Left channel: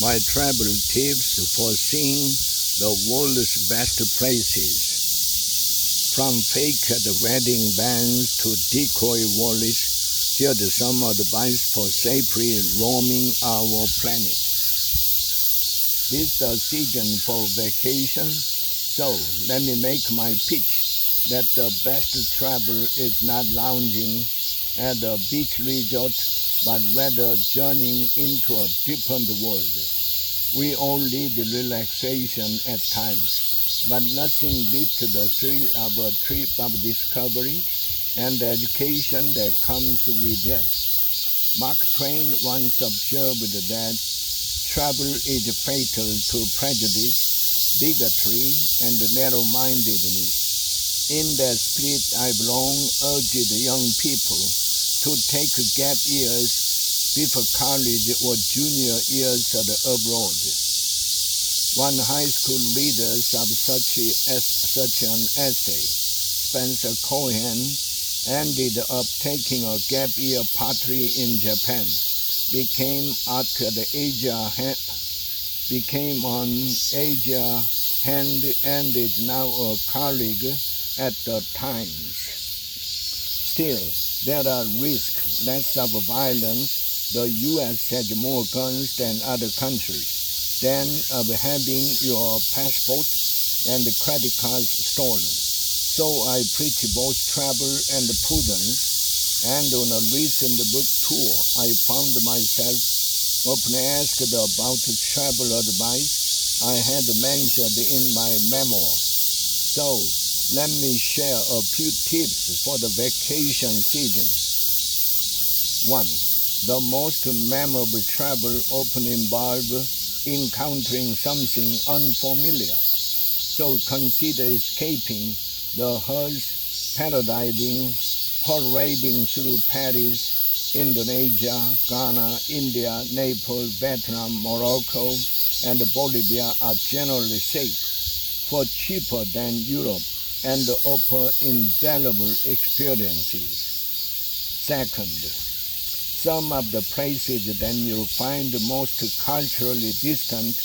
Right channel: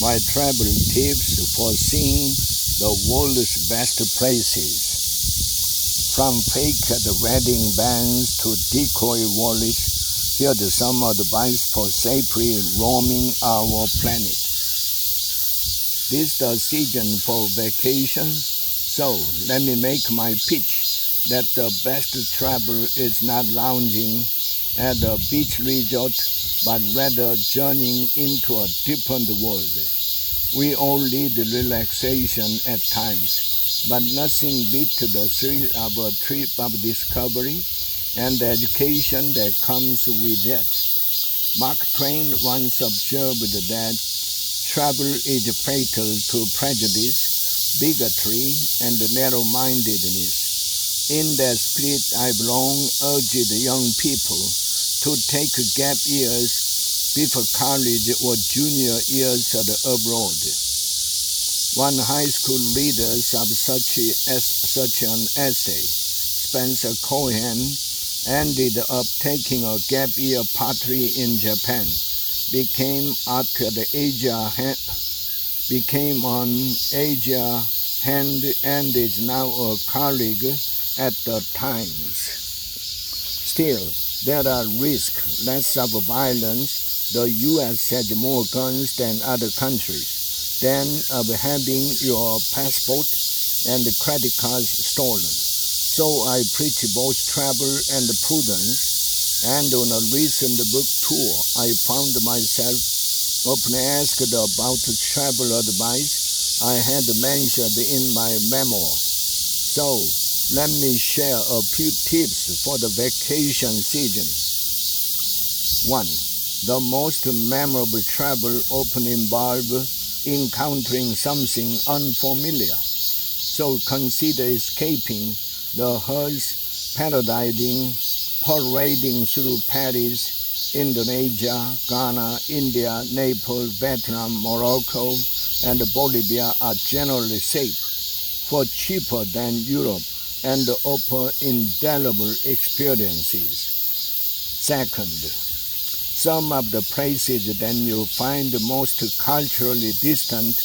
my travel tips for seeing the world's best places. From fake wedding bands to decoy wallets, here are some advice for safely roaming our planet. This is the season for vacation, so let me make my pitch that the best travel is not lounging at a beach resort, but rather journeying into a different world. We all need relaxation at times, but nothing beats the thrill of a trip of discovery and the education that comes with it. Mark Twain once observed that travel is fatal to prejudice, bigotry, and narrow-mindedness. In that spirit, I've long urged young people to take gap years before college or junior years abroad. One high school reader of such an essay, Spencer Cohen, ended up taking a gap year partly in Japan, became an Asia hand, and is now a colleague at the Times. Still, there are risks, less of violence. The U.S. has more guns than other countries, than of having your passport and credit cards stolen. So I preach both travel and prudence, and on a recent book tour, I found myself often asked about travel advice I had mentioned in my memoir. So let me share a few tips for the vacation season. 1. The most memorable travel often involves encountering something unfamiliar. So consider escaping the hearse, parading through Paris, Indonesia, Ghana, India, Naples, Vietnam, Morocco, and Bolivia are generally safe, for cheaper than Europe, and offer indelible experiences. Second, some of the places that you'll find most culturally distant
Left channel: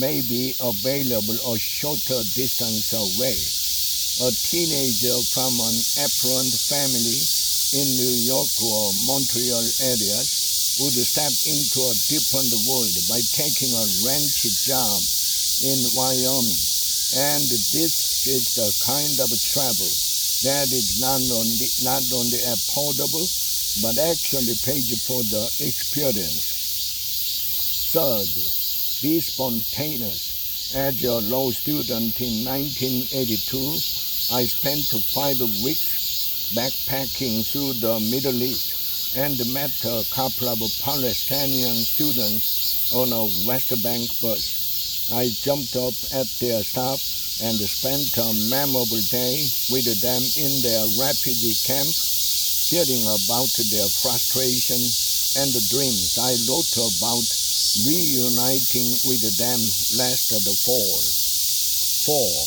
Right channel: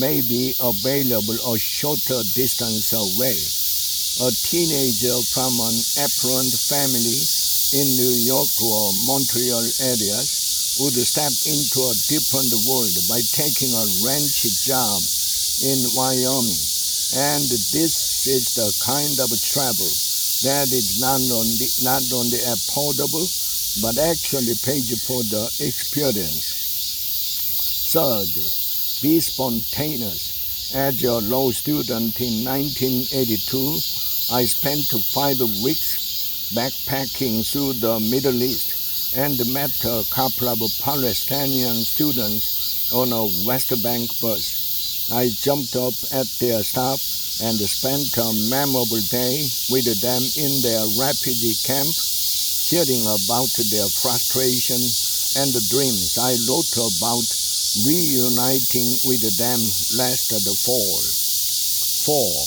may be available a shorter distance away. A teenager from an affluent family in New York or Montreal areas would step into a different world by taking a ranch job in Wyoming. And this is the kind of travel that is not only affordable, but actually pays for the experience. Third, be spontaneous. As a law student in 1982, I spent 5 weeks backpacking through the Middle East and met a couple of Palestinian students on a West Bank bus. I jumped up at their stop and spent a memorable day with them in their refugee camp, hearing about their frustration and the dreams I wrote about reuniting with them last fall. 4.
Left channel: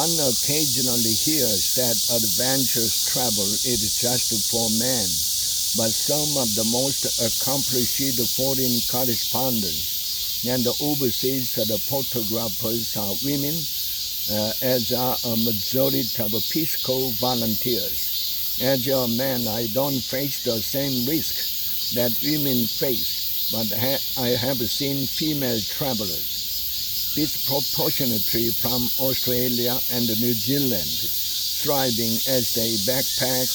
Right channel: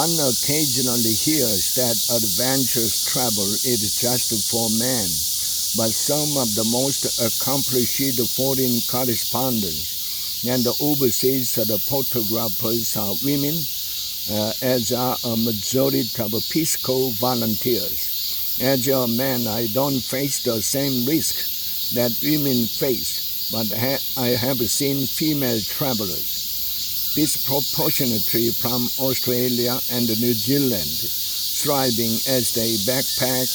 One occasionally hears that adventurous travel is just for men, but some of the most accomplished foreign correspondents and overseas photographers are women, as are a majority of Peace Corps volunteers. As a man, I don't face the same risk that women face, but I have seen female travelers, disproportionately from Australia and New Zealand, thriving as they backpack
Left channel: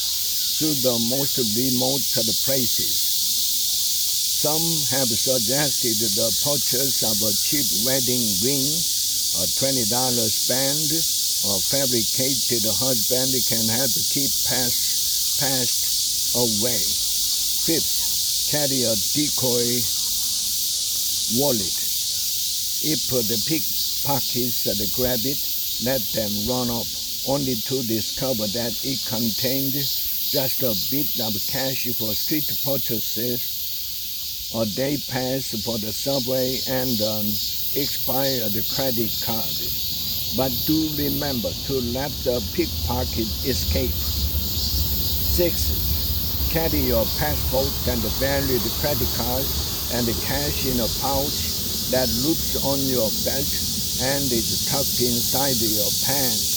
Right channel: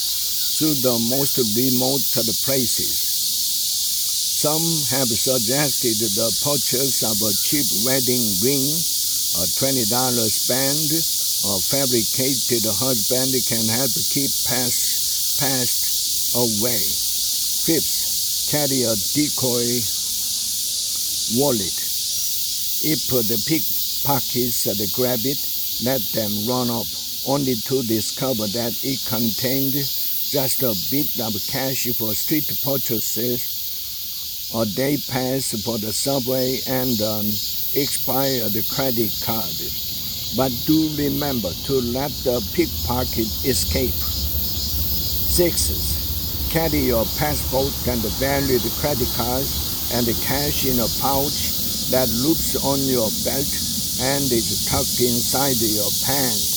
through the most remote places. Some have suggested the purchase of a cheap wedding ring, a $20 band, or fabricated husband can help keep past away. 5th, carry a decoy wallet. If the pickpockets grab it, let them run off, only to discover that it contained just a bit of cash for street purchases, a day pass for the subway, and an expired credit card. But do remember to let the pickpocket escape. 6. Carry your passport and valid credit cards and cash in a pouch that loops on your belt and is tucked inside your pants.